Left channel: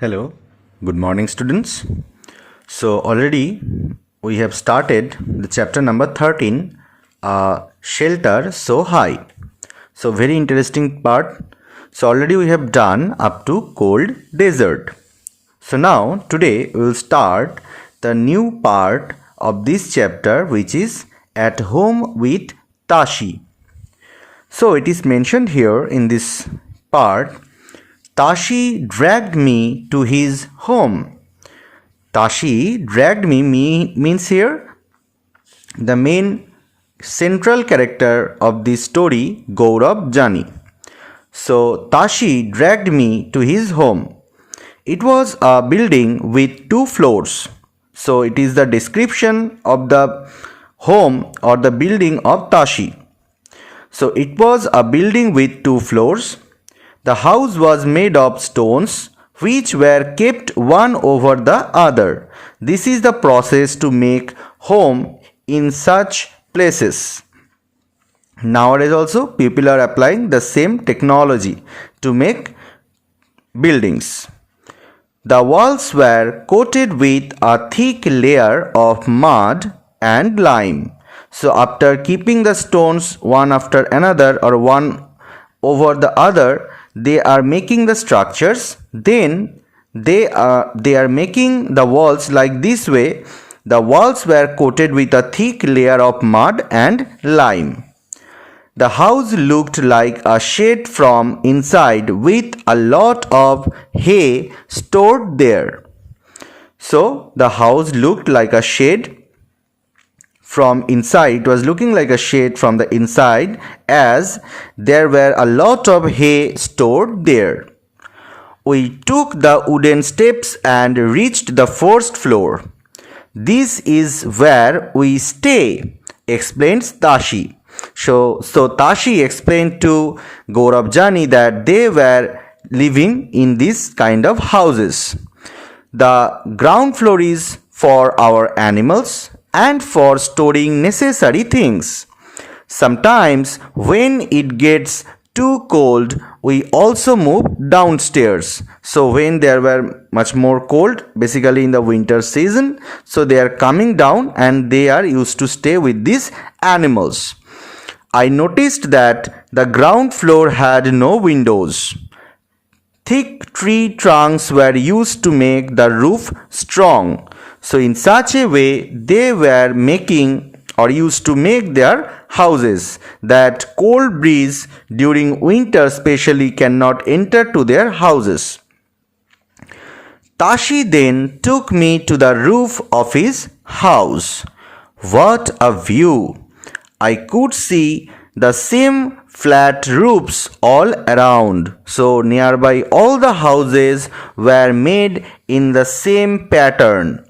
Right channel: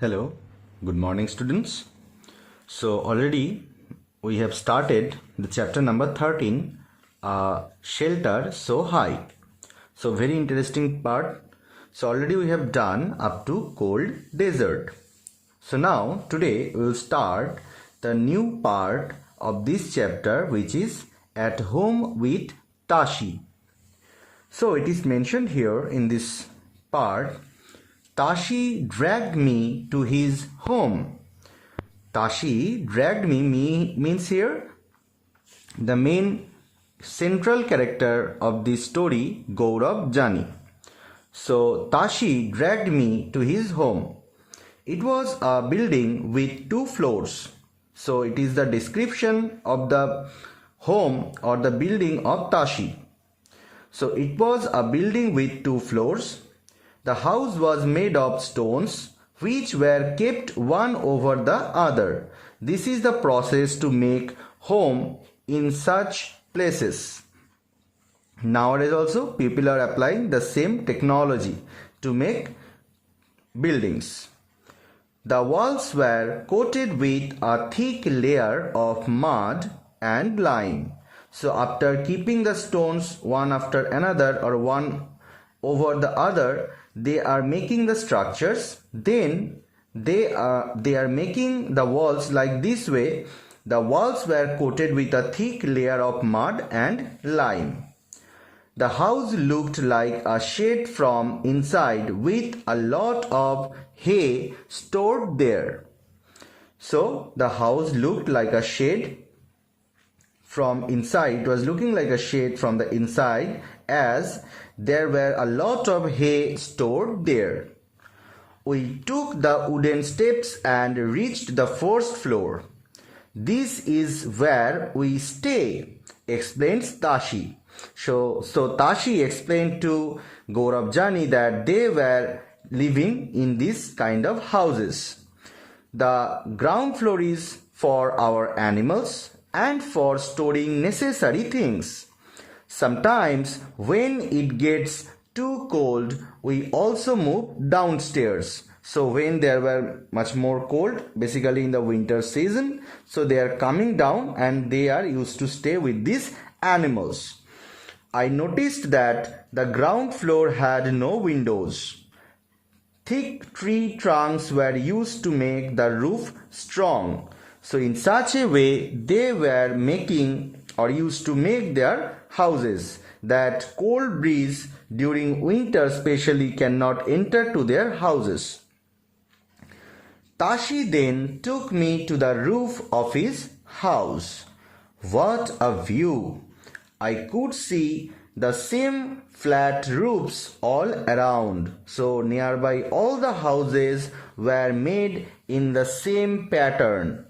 Hello, good morning students. So already we have started the chapter number 13, shelter so high. So very interesting part. So already we have done up to cold desert. So now today we will start the new part of this chapter, which is at home with Tashi. So it is mentioned here in this part, Tashi dragged me to his home. Tashi dragged me means here the main central character of this story, Gaurav Jani. So Tashi dragged me to his home. It was a building with 2 floors. So it is the description of the home or the building of Tashi. So it was a building with 2 floors. The house was made of stones which were kept one over the other. This is the process to make home in such places. Nowadays also people are applying the same technology to make buildings. The walls were coated with a thick layer of mud and lime. So after keeping the stones one after another or one over the other, they are making the structures. Then they are making the walls like this way. The walls were coated with a thick layer of mud and lime. The house looked like a shed from inside with a lot of hay stored there. So the house looked like a shed from inside. It was looking like a shed from the inside, as there were a lot of hay stored there. We took the wooden steps and reached the first floor. This is where we stay, explains Tashi. So Tashi explained to Gaurav Jani that they were living in this kind of houses. The ground floor is for our animals and for storing necessary things. Sometimes when it gets too cold, we also move downstairs. So when there were much more cold, basically in the winter season, so they are coming down and they are used to stay with these animals. I noticed that the ground floor had no windows. Thick tree trunks were used to make the roof strong. So in such a way they were making or used to make their houses, that cold breeze during winter especially cannot enter to their houses. Tashi then took me to the roof of his house. What a view! I could see the same flat roofs all around. So nearby all the houses were made in the same pattern.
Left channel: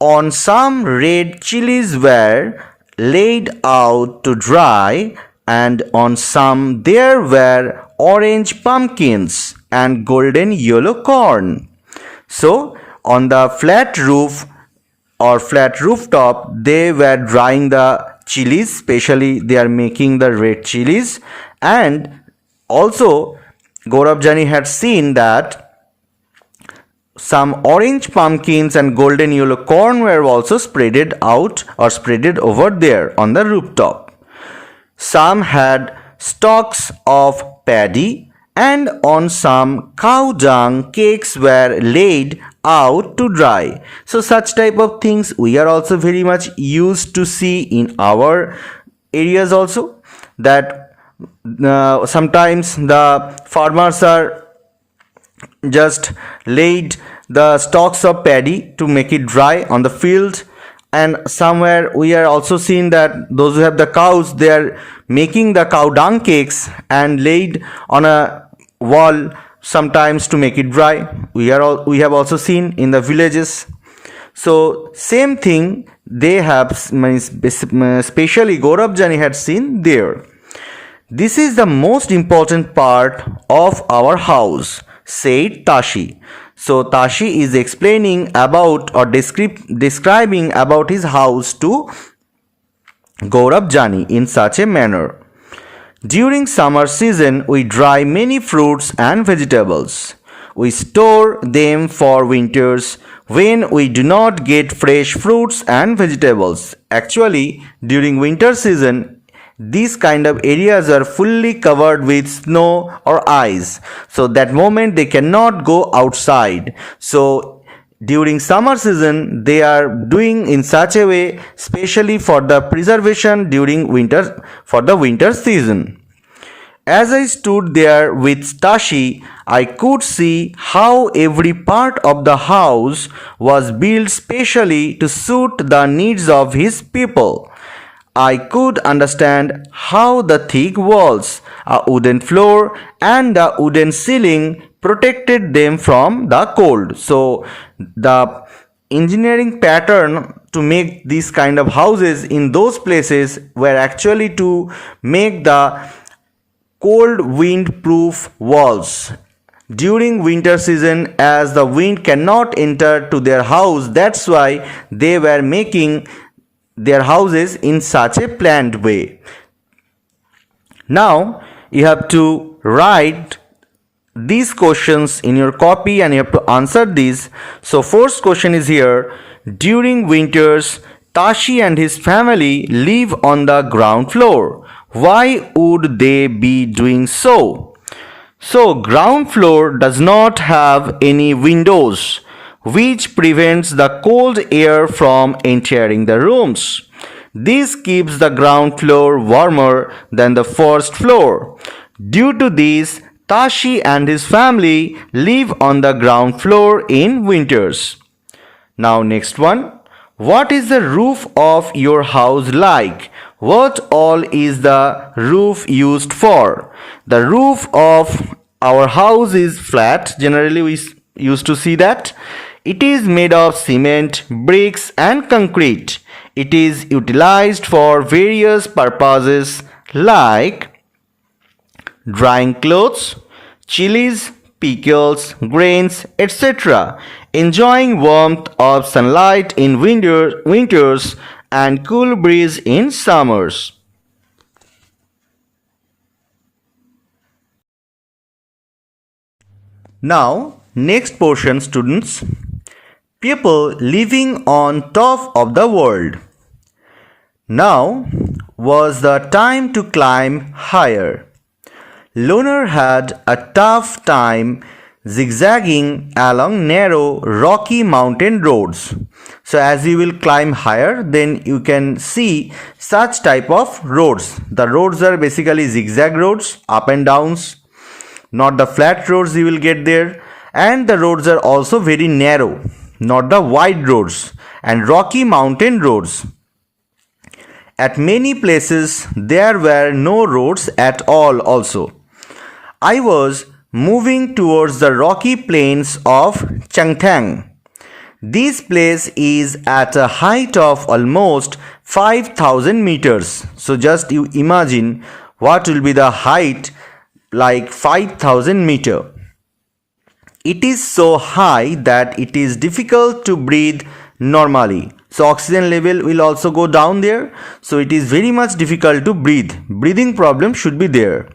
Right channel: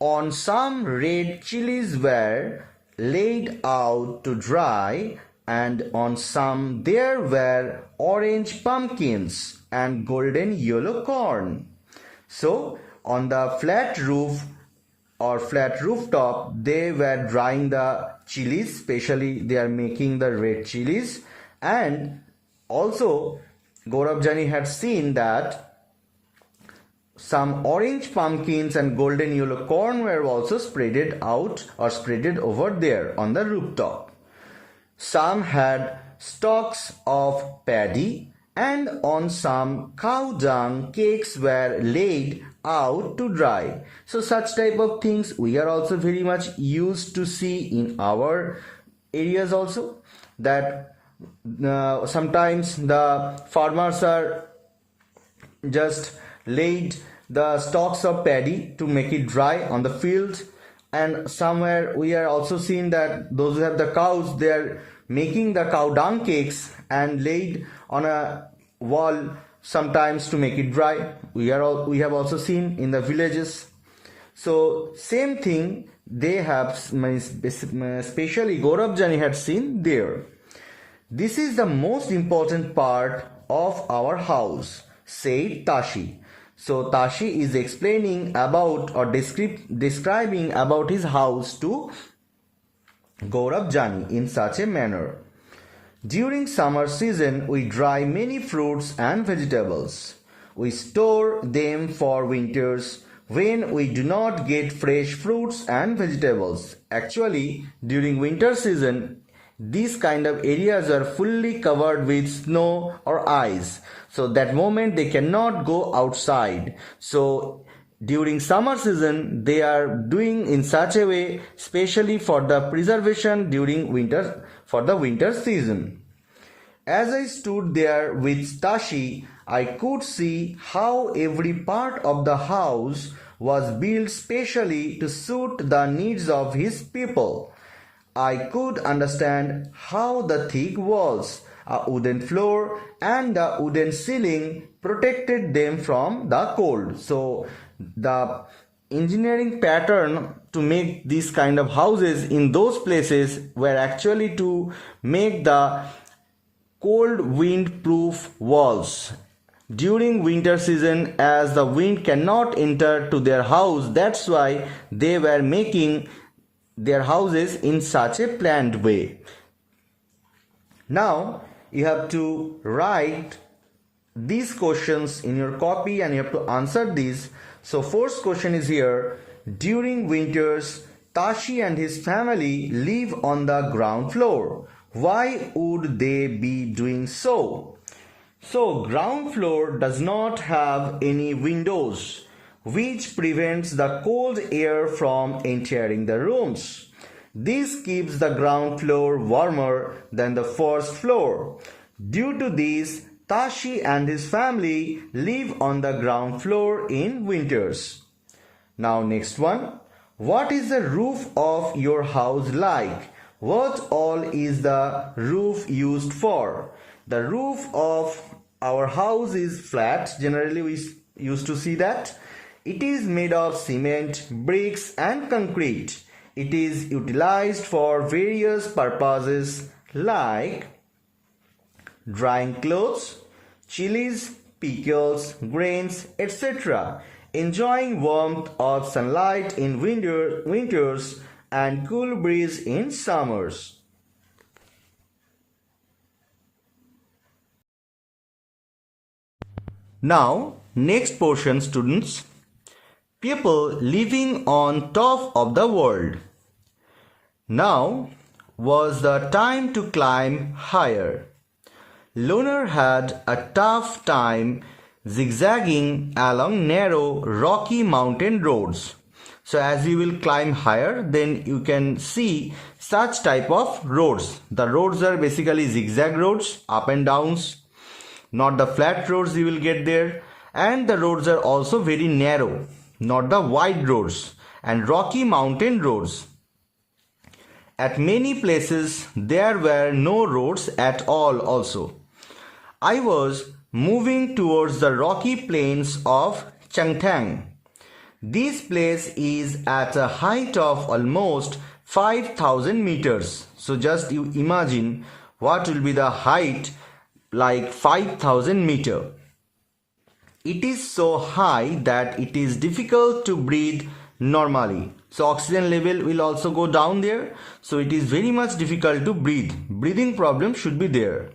On some red chilies were laid out to dry, and on some there were orange pumpkins and golden yellow corn. So on the flat roof or flat rooftop, they were drying the chilies, especially they are making the red chilies. And also Gaurav Jani had seen that some orange pumpkins and golden yellow corn were also spreaded out or spreaded over there on the rooftop. Some had stalks of paddy, and on some cow dung cakes were laid out to dry. So such type of things we are also very much used to see in our areas also, that sometimes the farmers are just laid the stalks of paddy to make it dry on the field. And somewhere we are also seeing that those who have the cows, they are making the cow dung cakes and laid on a wall sometimes to make it dry. We have also seen in the villages. So same thing they have, especially Gaurav Jani had seen there. This is the most important part of our house, said Tashi. So Tashi is explaining about or describing about his house to Gaurav Jani in such a manner. During summer season, we dry many fruits and vegetables. We store them for winters when we do not get fresh fruits and vegetables. Actually, during winter season, these kind of areas are fully covered with snow or ice. So that moment they cannot go outside. So during summer season they are doing in such a way, especially for the preservation during winter, for the winter season. As I stood there with Tashi, I could see how every part of the house was built specially to suit the needs of his people. I could understand how the thick walls, a wooden floor, and the wooden ceiling protected them from the cold. So, the engineering pattern to make these kind of houses in those places were actually to make the cold wind proof walls during winter season, as the wind cannot enter to their house. That's why they were making their houses in such a planned way. Now you have to write these questions in your copy and you have to answer these. So first question is here: during winters Tashi and his family live on the ground floor. Why would they be doing so? So ground floor does not have any windows, which prevents the cold air from entering the rooms. This keeps the ground floor warmer than the first floor. Due to this, Tashi and his family live on the ground floor in winters. Now next one. What is the roof of your house like? What all is the roof used for? The roof of our house is flat. Generally we used to see that. It is made of cement, bricks and concrete. It is utilized for various purposes like drying clothes, chilies, pickles, grains, etc. Enjoying warmth of sunlight in winters and cool breeze in summers. Now, next portion, students. People living on top of the world. Now was the time to climb higher. Loner had a tough time zigzagging along narrow rocky mountain roads. So as you will climb higher, then you can see such type of roads. The roads are basically zigzag roads, up and downs, not the flat roads you will get there. And the roads are also very narrow, not the wide roads, and rocky mountain roads. At many places there were no roads at all also. I was moving towards the rocky plains of Changtang. This place is at a height of almost 5,000 meters. So just you imagine what will be the height, like 5,000 meter. It is so high that it is difficult to breathe normally. So oxygen level will also go down there. So it is very much difficult to breathe. Breathing problem should be there.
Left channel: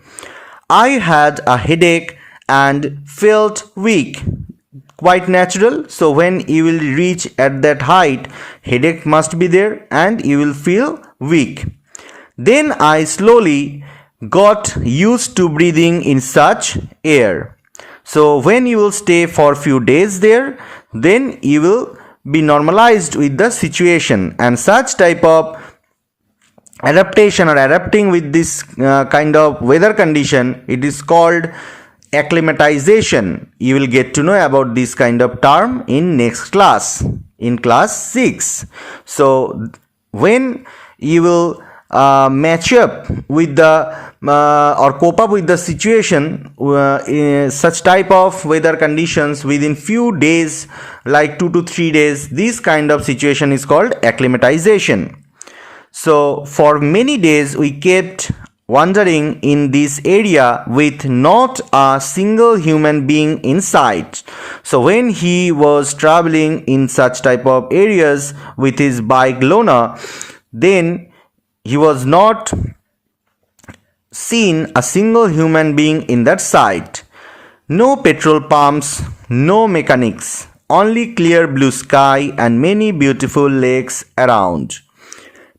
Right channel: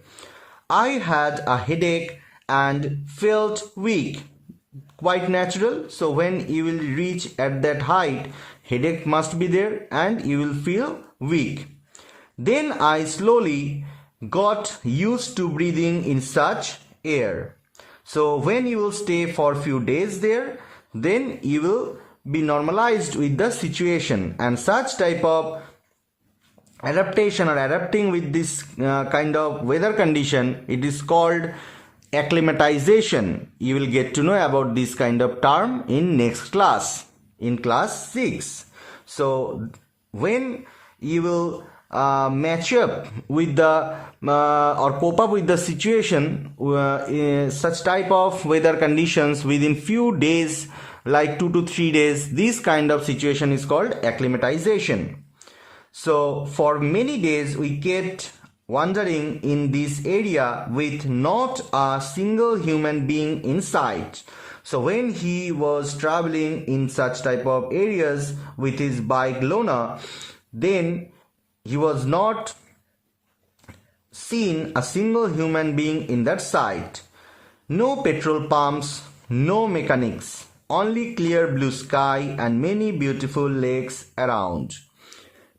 I had a headache and felt weak. Quite natural. So when you will reach at that height, headache must be there and you will feel weak. Then I slowly got used to breathing in such air. So when you will stay for few days there, then you will be normalized with the situation, and such type of adaptation or adapting with this kind of weather condition, it is called acclimatization. You will get to know about this kind of term in next class, in class 6. So when you will match up with the or cope up with the situation in such type of weather conditions within few days, like 2 to 3 days, this kind of situation is called acclimatization. So for many days we kept wandering in this area with not a single human being in sight. So when he was traveling in such type of areas with his bike Lona, then he was not seen a single human being in that site. No petrol pumps, no mechanics, only clear blue sky and many beautiful lakes around.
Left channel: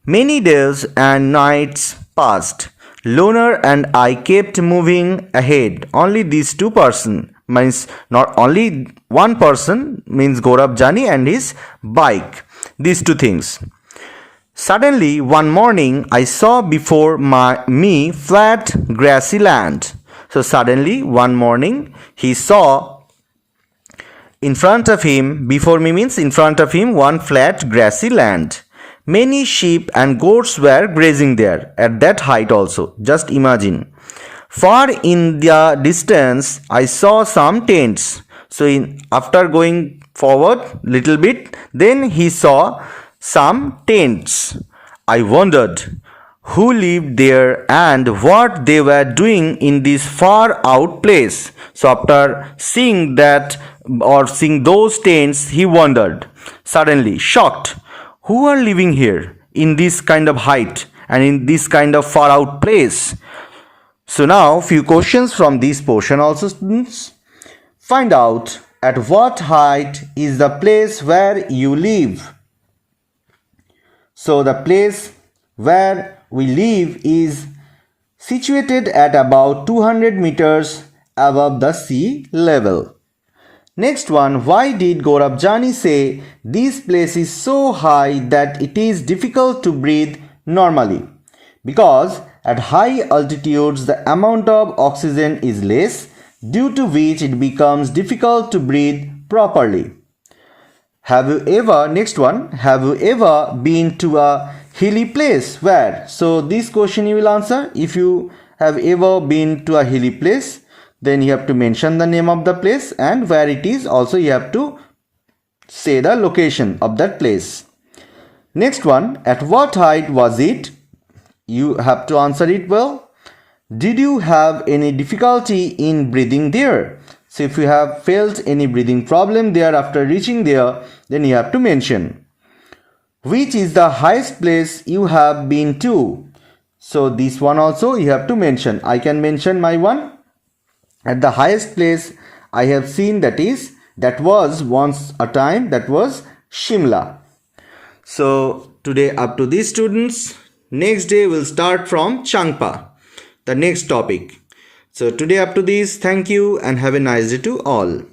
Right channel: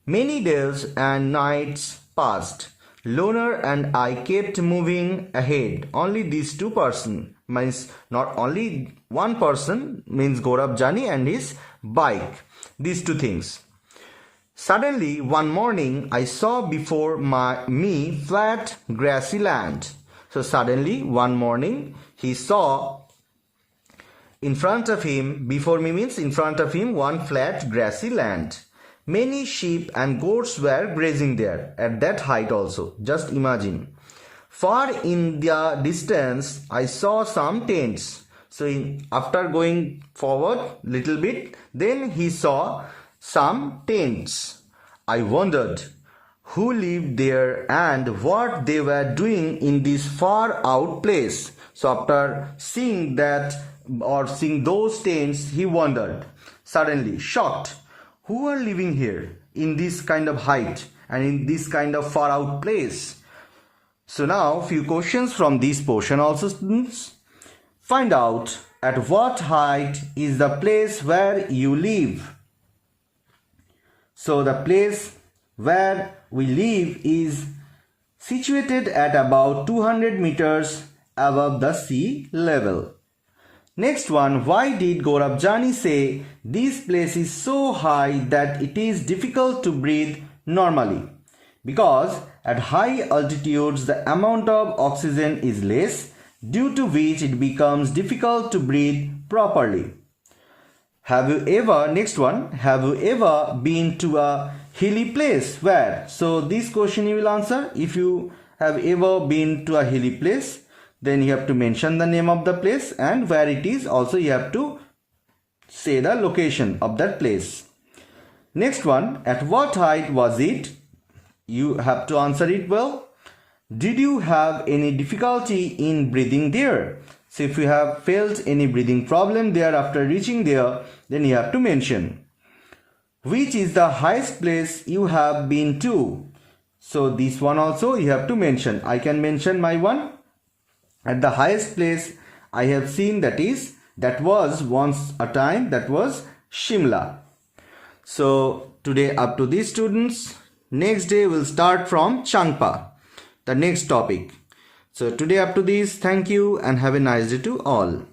Many days and nights passed. Loner and I kept moving ahead. Only these two person means not only one person means Gaurav Jani and his bike. These two things. Suddenly one morning I saw before me flat grassy land. So suddenly one morning he saw in front of him, before me means in front of him, one flat grassy land. Many sheep and goats were grazing there at that height also. Just imagine. Far in the distance, I saw some tents. So after going forward little bit, then he saw some tents. I wondered who lived there and what they were doing in this far out place. So after seeing that or seeing those tents, he wondered, suddenly shocked, who are living here in this kind of height and in this kind of far out place. So now few questions from this portion also, students. Find out at what height is the place where you live. So the place where we live is situated at about 200 meters above the sea level. Next one, why did Gaurav Jani say this place is so high that it is difficult to breathe normally? Because at high altitudes the amount of oxygen is less, due to which it becomes difficult to breathe properly. Next one, have you ever been to a hilly place? Where? So this question you will answer. If you have ever been to a hilly place, then you have to mention the name of the place and where it is. Also you have to say the location of that place. Next one, at what height was it? You have to answer it well. Did you have any difficulty in breathing there? So if you have felt any breathing problem there after reaching there, then you have to mention. Which is the highest place you have been to? So this one also you have to mention. I can mention my one. At the highest place I have seen, that was once a time, that was Shimla. So today up to these students. Next day we'll start from Changpa, the next topic. So today up to this, thank you and have a nice day to all.